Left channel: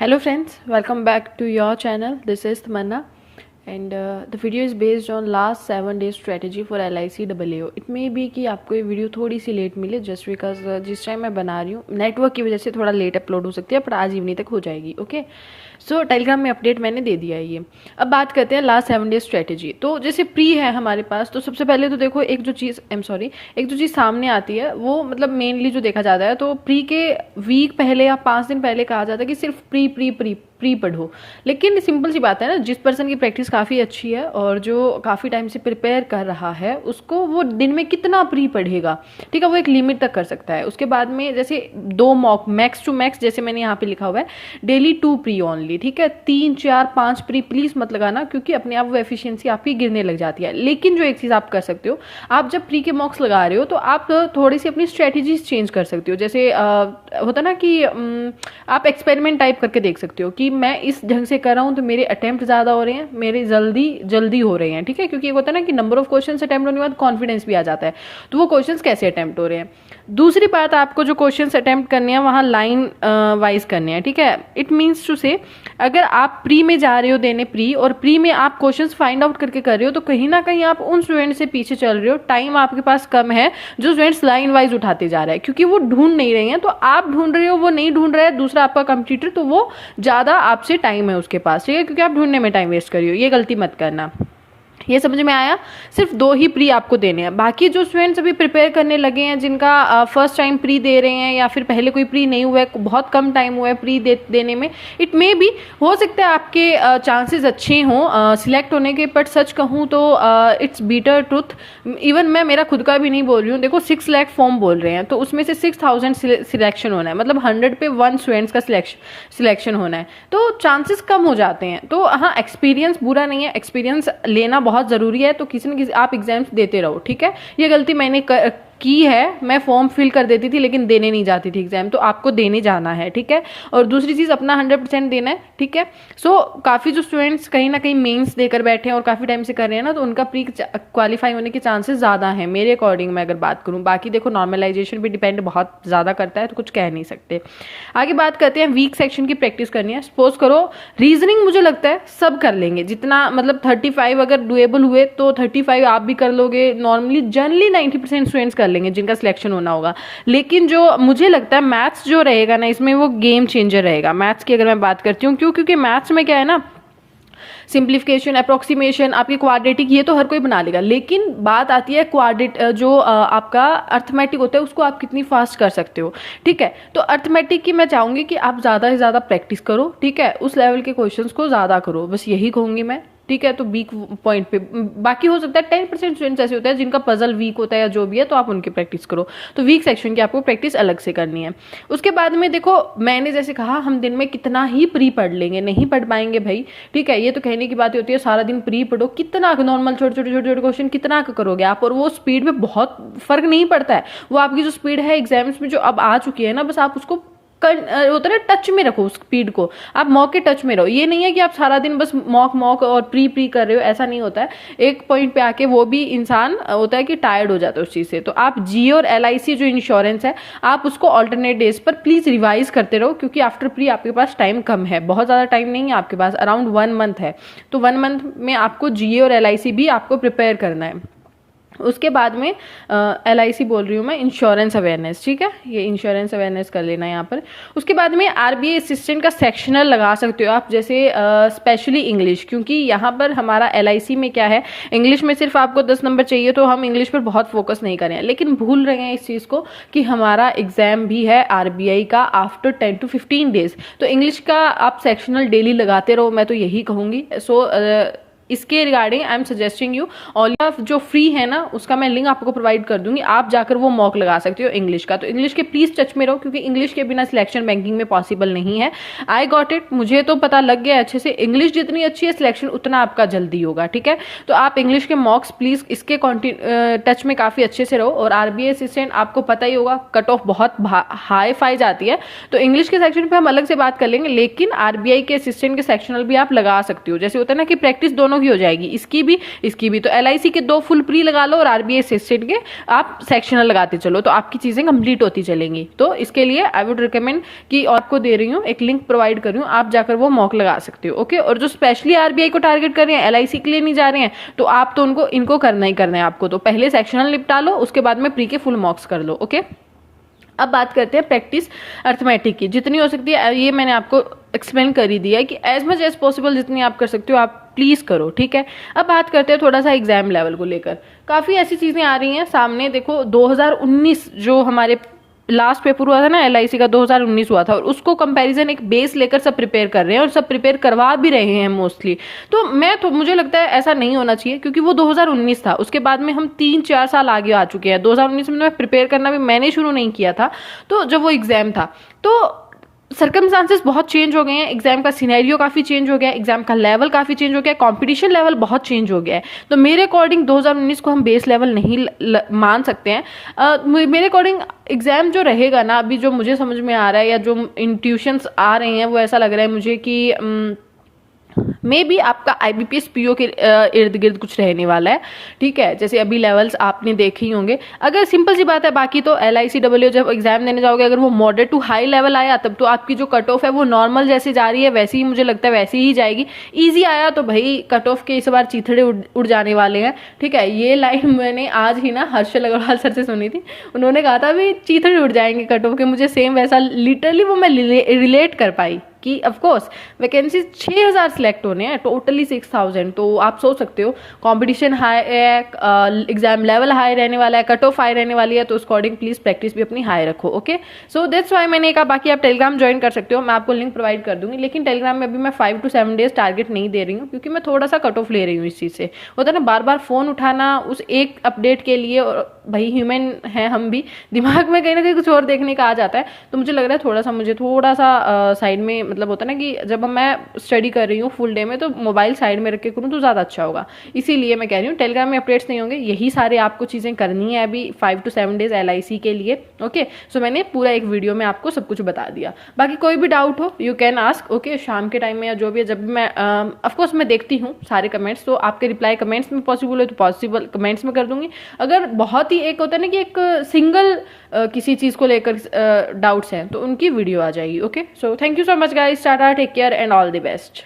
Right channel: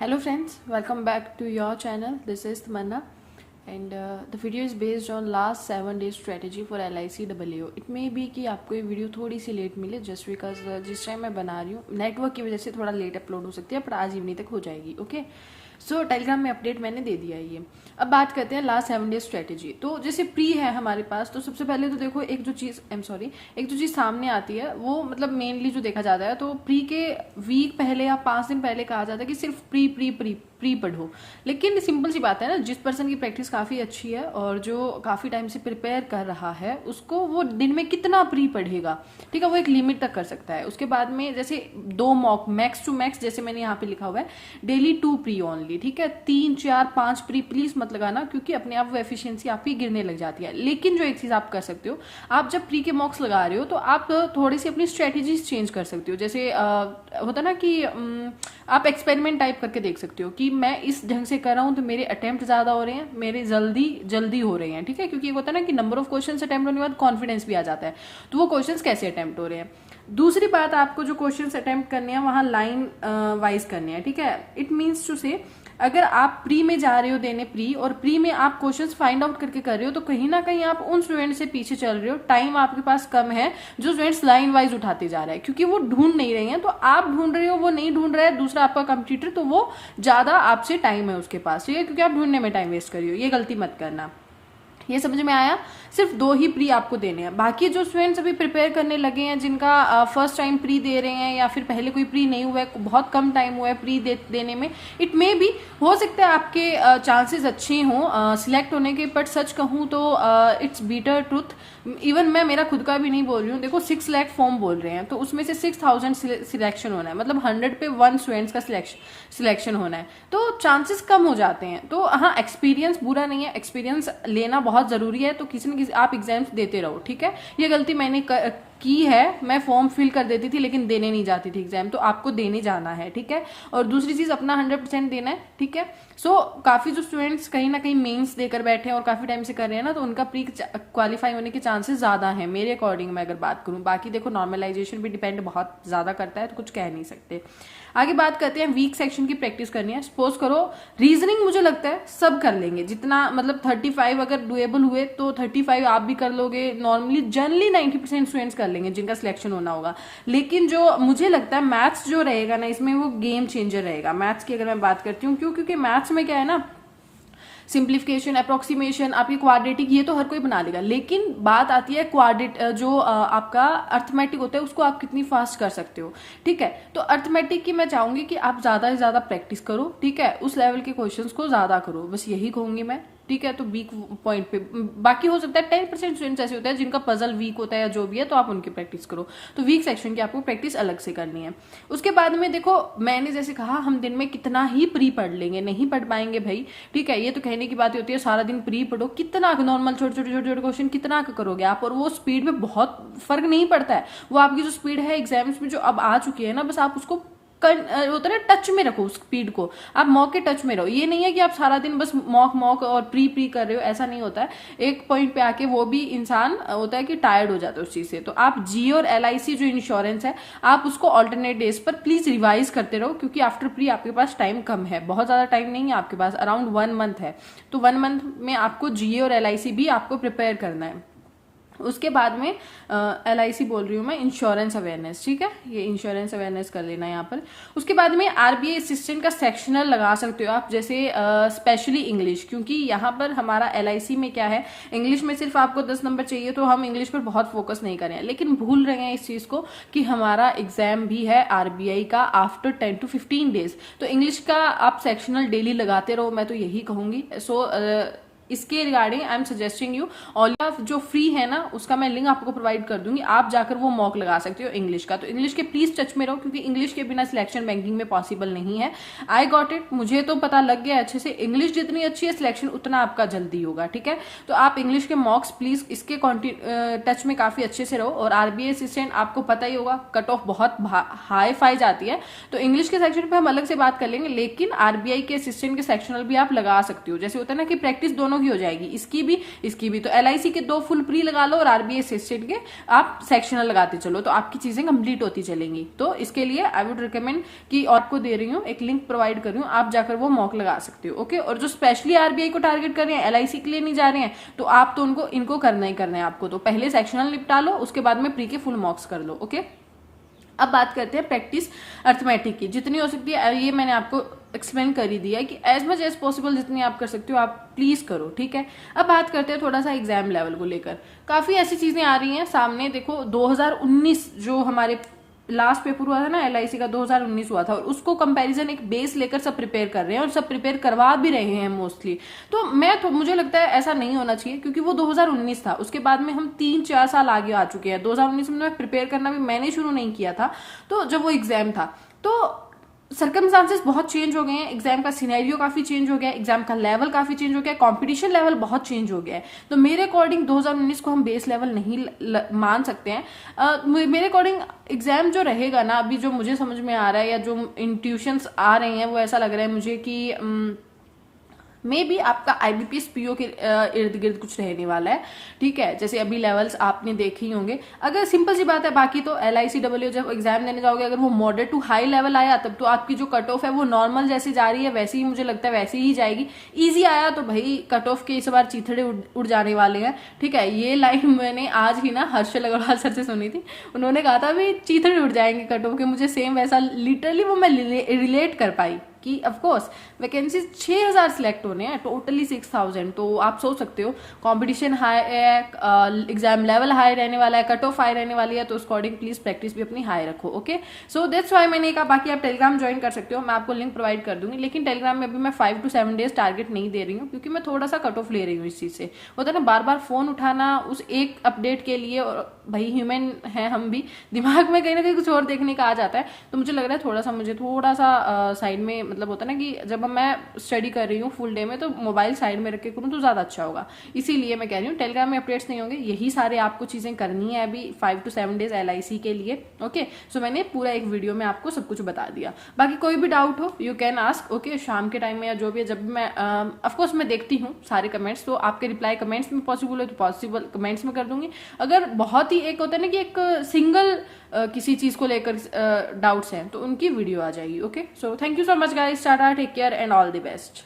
Hello friends, welcome back to your channel. This is Tamanna and the video is based on last 7 days strategy for LIC AAO. It may be कि आपको ये video थोड़ी सी late मिले just because जिस time मैं बना रही हूँ नेटवर्क की वजह से थोड़ा लेट अपलोड हो सकती है, पर आज इवनिंग तक हो जाएगी. ओके, सो टेलीग्राम में अपडेट मैंने दे दिया है ये. अब बात करते हैं लास्ट 7 डेज स्ट्रेटेजी. तो जैसे प्री है हमारे पास, तो सबसे पहले तो देखो एक जो चीज़ सामने आती है वो मतलब मेनली जो देखा जाता है, तो प्री के वीक पहले या 5 दिन पहले कहा जाता है कि सिर्फ प्री प्री प्री प्री पढ़ो. लेकिन सिंपल सी बात है ना, जिस पर्सन की प्रैक्टिस काफ़ी अच्छी है और जो काफ़ी टाइम से प्रिपेयर कर रहा है उसको वो दिन में कितना प्री पढ़ेगा, ठीक है, वो एक लिमिट तक कर सकता है. उसके बाद में जैसे 2 मॉक मैक्स टू मैक्स, जैसे मैंने यहाँ पे लिखा हुआ है डेली 2 प्री ओनली, ठीक है. 3, 4, 5 प्री प्लीज मत लगाना, क्योंकि अपने आप वो एफिशिएंसी आपकी गिरने लग जाती है. लेकिन जो एक चीज़ आप कर सकते हो, आप जब प्री के मॉक्स लगा रहे हो तो आप थोड़ी सी अपनी स्ट्रेटेजीज चेंज कर सकते हो. जैसे होता ना कि आप एक्सपेरिमेंट टाइप करके देख सकते हो कि मैं इस ढंग से कर रहा हूँ तो मेरे अटेम्प्ट ज़्यादा हो रहे हैं, मेरे जल्दी हो रहे हैं, ठीक है. क्योंकि ये होता है ना कि नंबर ऑफ क्वेश्चन अटेम्प्ट होने के बाद कॉन्फिडेंस भी आ जाता है, तो वो क्वेश्चन कैसे अटेम्प्ट हो रहे हैं. दूसरी बात, आपको जो क्वेश्चंस अटेम्प्ट करने हैं वहाँ लाइन वाइज करने हैं, ठीक है. इट मीन्स टू से, अगर आप प्री में जा रहे हो देने प्री, और प्री में आप क्वेश्चंस फाइंड आउट करके कर रहे हो, तो कहीं ना कहीं आप उन स्टूडेंट से पीछे चल रहे हो. टाइम आपके पास कम है जो स्टूडेंट्स लाइन वाइज उठाते जा रहे हैं, क्योंकि वो ढूंढ नहीं रहे हैं. तो आप ढूंढ रहे हो, वो नहीं ढूंढ रहा है दूसरा आपका कंप्यूटर, तो वो ज़्यादा आपसे टाइम है उसके पास, ठीक है, क्योंकि आप ढूंढने में टाइम वेस्ट कर रही हो. ये गलती मत करना. ये समझ में आया. सिर्फ 2 ही प्री आपको देने हैं. बाकी जो स्टूडेंट्स अभी प्रिपेयर करने लगे हैं, जिनका फर्स्ट टाइम प्री दे रहे हैं या फिर पहले कोई प्री नहीं हुआ है, बहुत कम टाइम हुआ है प्री देने में, इट मे भी हो सकता है आपके चांसेस अच्छे हों सिलेक्ट होने के. बट सच कहूँ तो इट्स बीटर ट्रुथ. इवन मैं मेरा खुद का भी नहीं बोल रही हूँ. देखो 6 लाख फॉर्म बोल रहे हैं, तो उसमें से 6000 सिलेक्शन होना है, मतलब 100 पे 1 स्टूडेंट्स का सिलेक्शन होना है, तो चांसेस कम हो जाते हैं. तो हाँ, एक्सपीरियंस बुरा नहीं है, एक्सपीरियंस लेना बहुत जरूरी है. तो किसी न किसी आप एग्जाम्स देते रहो, ठीक है. ये गलती मैंने की है, मैं फॉर्म फिल कर देती थी लेकिन देने नहीं जाती थी एग्जाम, तो आपको देने जाना है, ठीक है. और दूसरी चीज, अपना 100% देना है, ठीक है. सो काफी जो स्टूडेंट्स कहीं ना कहीं मेंस देकर बैठे हैं और काफी टाइम से कर रहे हैं ना, तो उनका प्री क्वालिफाई होने के चांसेस ज्यादा हैं मेरे अकॉर्डिंग, मैं अगर बात करूं. बाकी देखो नॉर्मलाइजेशन भी डिपेंड बहुत ज्यादा करता है, तो कुछ कह नहीं सकते. आगे बात करते हैं, वीक सेक्शन की प्रैक्टिस करनी है. सपोज करो रीजनिंग, मुझे लगता है सब कर लेंगे, जितना मतलब 35 अगर डुएबल हुए तो 35 आप भी कर लोगे. नॉर्मली जनरली 90% स्टूडेंट्स कर लेंगे जिनका सिलेक्शन होना होगा. लेकिन जो मुझे लगता है मैथ्स जो रहेगा ना, इसमें वो गेम चेंजर रहेगा. मैथ्स की अगर मैं बात करती हूँ, क्योंकि मैथ्स में क्या है ना, सिंप्लीफिकेशन, अप्रोक्सीमेशन, आपके क्वाड्रेटिक, ये तो हर कोई बना लेगा. लेकिन बात आती है जो आपका अर्थमेटिक होता है, उसको आप कितनी फास्ट कर सकते हो, ठीक है. तो अर्थमेटिक की मैं चाहूंगी कि आप ज्यादा से ज्यादा प्रैक्टिस करो, ठीक है. उस लेवल के क्वेश्चंस को ज्यादा करो, बस यही कहूंगी मैं, ठीक है. तो वीक पॉइंट पे बाकी हो सकता है 10% स्टूडेंट्स ऐसे होते हैं जिनका पजल वीक होता है या जो भी है, तो आप उनकी प्रैक्टिस करो. तो वीक सेक्शन की आपको प्रैक्टिस अलग से करनी है. उसके बाद में देखो, मैंने जैसे कहा, हम दिन में कितना ही प्री पढ़ लेंगे, नहीं पढ़ पाएंगे भाई, ठीक है. ये तो कहने की बात होती है सारा दिन प्री पढ़ो, कितना नॉर्मल छोटे छोटे क्वेश्चन कितना करोगे आप, और वो स्पीड में बहुत फर्क नहीं पड़ता है. वो आपकी जो स्पीड है एग्जाम्स में जो अब आ चुकी है ना, बस आप उसको होता है ना, टच में रखो उस स्पीड को, आप मॉक के टच में रहो. ये नहीं है कि आप सारा दिन बस मॉक और प्री कर रहे हो, ऐसा नहीं होता है. एक पॉइंट पे आके वो भी इंसान होता है कि टायर्ड हो जाता है उस चीज से. तो आप जी और LIC जो इंश्योरेंस है, आप उसको ऑल्टरनेट डेज पर प्लीज रिवाइज करते रहो, क्योंकि आफ्टर प्री आपके पास टाइम कम है, बहुत ज्यादा टाइम नहीं है आपके पास, अराउंड 1 मंथ है. तो 1 मंथ में आपको GA और LIC भी आपको प्रिपेयर करना है. उसके बाद में LIC बोल रही हूँ मैं, इंश्योरेंस अवेयरनेस, ठीक है, ये इंश्योरेंस अवेयरनेस कर लेना यहाँ पर. उसके बाद में RBI असिस्टेंट का सेक्शनल लगा सकते हो आप, जैसे स्पेशली इंग्लिश, क्योंकि यहाँ पर हमारा LIC में क्या है, इंग्लिश में सिर्फ आपको 10 नंबर चाहिए, तो हम इंग्लिश पर बहुत फोकस नहीं करें. लेकिन भूल रहे हैं इस चीज़ को कि हमारा एग्जाम भी है RBI का आफ्टर 10 to 15 डेज. तो इंग्लिश का आप सेक्शनल डेली लगाते रहो, मैं तो यही कहूँगी. सो इसके regarding I am suggesting you all, जो फ्री है ना उसका मैं लिंक आपको प्रोवाइड कर दूंगी, आप जाकर वो मॉक लगा सकते हो इंग्लिश का. तो इंग्लिश के प्लीज टच में रहो, क्योंकि इंग्लिश के बिना सिलेक्शन बैंकिंग में पॉसिबल नहीं है. आई गॉट इट, मुझे तो पता लग गया अच्छे से. इंग्लिश जितनी अच्छी है सिलेक्शन उतना आपका जल्दी होगा, ठीक है. तो आप इंग्लिश के मॉक्स प्लीज इसके टच में काफी अच्छे से रहो. और RBI असिस्टेंट आपको पता ही होगा, कट ऑफ बहुत हाई फाई जाती है, तो इंग्लिश के सेक्शन पे हम अलग से बात कर लेंगे. लेकिन RBI के असिस्टेंट के सेक्शनल भी आप लगा सकते हो. जैसे होता है ना कि प्रैक्टिस दोनों दोनों की हो जाएगी, इसकी भी। तो LIC के 2 फुल प्री लगा लो और RBI असिस्टेंट के आप सेक्शनल लगाते चलो, तो आपकी चीजें कंप्लीट होती चलेंगी। तो इसके लिए आई वुड रिकमेंड कि आपको दे रही हूँ, एक लिंक प्रोवाइड कर रही हूँ, आप जाकर वो मॉक लगा सकते हो। ओके, और जो स्पेशली RBI को टारगेट कर रहे हैं, LIC के लिए नहीं जा रहे हैं, तो आप तो इनको करना ही करना है आपको। तो पहले सेक्शनल निपटा लो, उसके बाद में प्री के फुल मॉक्स कर लो। ओके, अब बात करते हैं प्रैक्टिस अर्थमेटिक की। जितनी हो सकती है ये मैंने आपको एक्सप्लेन कर ही दिया है कि एज मच एज पॉसिबल जितनी आप कर सकते हो आप प्लीज करो, ठीक है। अब बात करते हैं थोड़ा सा एग्जाम लेवल को लेकर। काफी ऐसी चीजें आ रही हैं सामने। देखो 2019 जो हमारे लास्ट पेपर हुआ था ना LIC का, 2019 हुआ था, और उसको कंपैरिजन एक बेस लेकर सब प्रिपेयर कर रहे हैं और सब प्रिपेयर करवा भी रहे हैं मोस्टली। तो मुझे लगता है ऐसा नहीं होना चाहिए, क्योंकि वो 2019 था, उसके बाद में हम 3-4 साल आगे आ चुके हैं। 2019 में प्रिपेयर करना भी मैंने शुरू नहीं किया था, तो जब वो एग्जाम था, तो सर्कमस्टांसेस बहुत चेंज हो गए हैं, एग्जाम का सिनेरियो काफी चेंज हो गया है, एग्जाम का लेवल काफी चेंज हो गया है, कंपटीशन लेवल बहुत चेंज हो गया है। तो मेरे अकॉर्डिंग 2019 को हम बेस लेवल नहीं मान सकते हैं। मेरे अकॉर्डिंग एग्जाम जो रहेगा ना, अभी जो मुझे समझ में आ रहा है या जो इंट्यूशंस आ रहे हैं, वो ऐसा लग रहा है मुझे कि मे बी आपका IBPS PO के इर्द गिर्द कुछ रहने वाला है, ठीक है। जैसे अभी लेवल्स आपने देखे ही होंगे। अगर सिंपल सी बात है, बाकी तो LIC WO जब एग्जाम देने जाओगे, अगर वो मॉडरेट टू हाई लेवल आया, तब तो आपकी जो कट ऑफ है वो नॉर्मल जैसी जा रही है वैसे ही मुझे लगता है वैसी ही जाएगी। ईजी आया तो भाई कट ऑफ के इस बार चीथड़े उड़ जाने वाले हैं, ठीक है। ये लाइन मैंने आज ही ना हर्षल अग्रवाल सर से सुनी थी, उन्होंने कहा था भी चीथड़े उड़ जाएंगे कट ऑफ के। मुझे सेम वैसा लिटरली वो मैं रिलेट कर पाई कि ऑफकोर्स वैकेंसी 6000 सिलेक्ट होने हैं, टोटली 6000। तो आप सोच सकते हो कंपटीशन हाई है, एग्जाम लेवल हाई रहने वाला है, कट ऑफ हाई रहने वाली है, तो उस अकॉर्डिंग प्लीज प्रैक्टिस भी अपनी हाई रखो। ओके, सो दैट्स व्हाई मैंने कहा। बाकी आप टेलीग्राम ज्वाइन कर सकते हो, मैं आपको लिंक प्रोवाइड कर दूंगी, लेकिन टेलीग्राम में अभी मैं 5 to 7 डेज टारगेट नहीं दे रही हूँ, क्योंकि मैं थोड़ा सा कट ऑफ ले रही हूँ इस चीज से। होता है ना, बार बार फोन उठाना उस एक अपडेट के लिए, और भाई ह्यूमन है हम भी, दिमाग में कहीं ना कहीं कुछ और देखने का आ जाता है। तो मुझे लग रहा है मुझे थोड़ा सा साइड में, मतलब होता है ना कि जब मैं स्टडी कर रही हूँ फुल डे में, तो मोबाइल साइड में रख के करूँ तो ज्यादा अच्छा होगा। इसीलिए मैं कह रही हूँ टेलीग्राम में अपडेट्स नहीं होंगे, यही सारे आपको चीजें करनी है अभी 5 to 7 डेज LIC के लिए। ओके, सो मैंने पूरा एक वीडियो में आपको सब कुछ बता दिया। बाकी कोई भी डाउट हो यू कैन आस्क। ओके, शाम के टाइम में या जो भी है, जब भी मैं ऑफकोर्स मैं देखती हूँ सारे कमेंट्स, तो आपके रिप्लाई कमेंट्स में पॉसिबल है तो पॉसिबल कमेंट्स में कर दूंगी। अगर बहुत ही एक होता है ना कि एक सिंगल किसी चीज को लेकर डाउट्स हैं, तो उनकी वीडियो आ जाएगी। Okay, so thank you so much guys, tata, take care and all the best.